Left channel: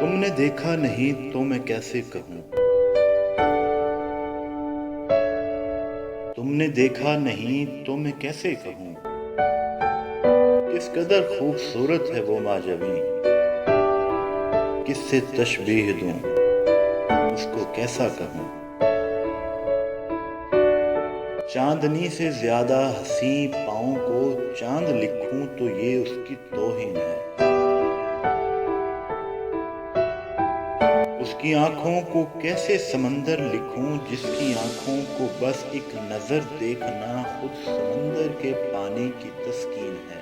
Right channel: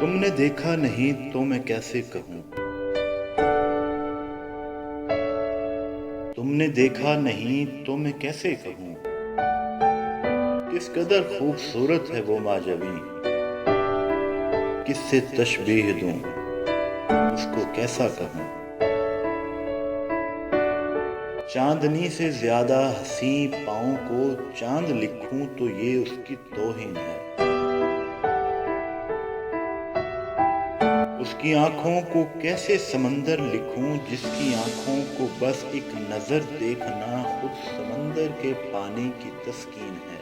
تم نے دیکھا نہیں تو میں کیسے کہوں، تم نے دیکھا نہیں تو میں کیسے کہوں، کس قدر خوبصورت ہے وہ ماجبیں، کس سے تشبیہ دوں، اس کو کیسا کہوں۔ چاندنی سے زیادہ حسین پاؤں کو چاند لکھوں تو یہ اس کی توہین ہے۔ اس کی آنکھوں کو کیسے سمندر لکھوں جس کی آنکھوں کو بس ایک نظر دیکھنا خود سمندر کے پانی کی تسکین ہے۔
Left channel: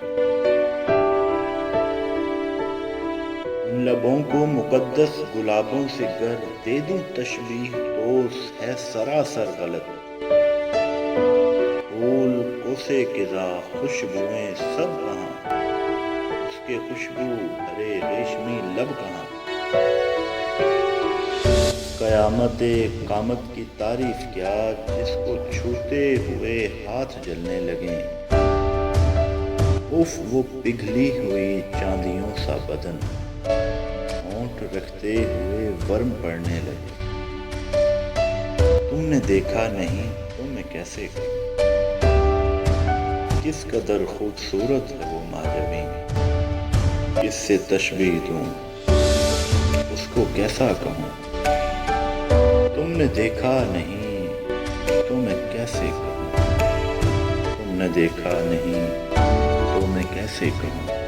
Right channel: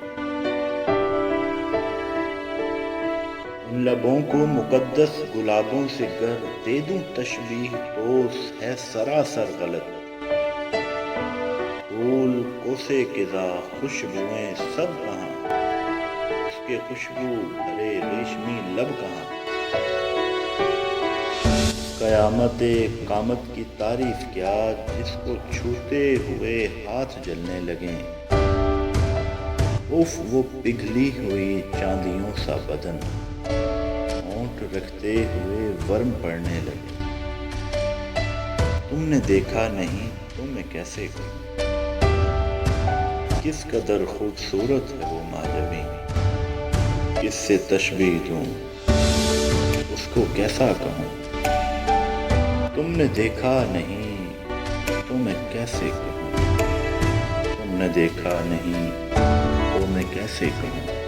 ان لبوں کو مقدس گلابوں سے گر دے دوں تشبیہ تو ہے سراسر غلط۔ پھول کوسے قضا خوشبوئیں سب کہاں، اس کے خوشبو بھرے ریشمی لب کہاں۔ قیامت قامت کی تعریف کیا جس کو چھوتے ہوئے ہاتھ جلنے لگیں۔ اف وہ پگھلی ہوئی چاندیوں سا بدن، ہونٹ رکھتے ہوئے ورم پڑنے لگے۔ تم نے دیکھا نہیں تو میں کیسے کہوں، کس قدر خوبصورت ہے وہ ماجبیں، کس سے تشبیہ دوں، اس کو کیسا کہوں۔ تم نے دیکھا نہیں تو میں کیسے کہوں، تم نے دیکھا نہیں تو میں کیسے کہوں۔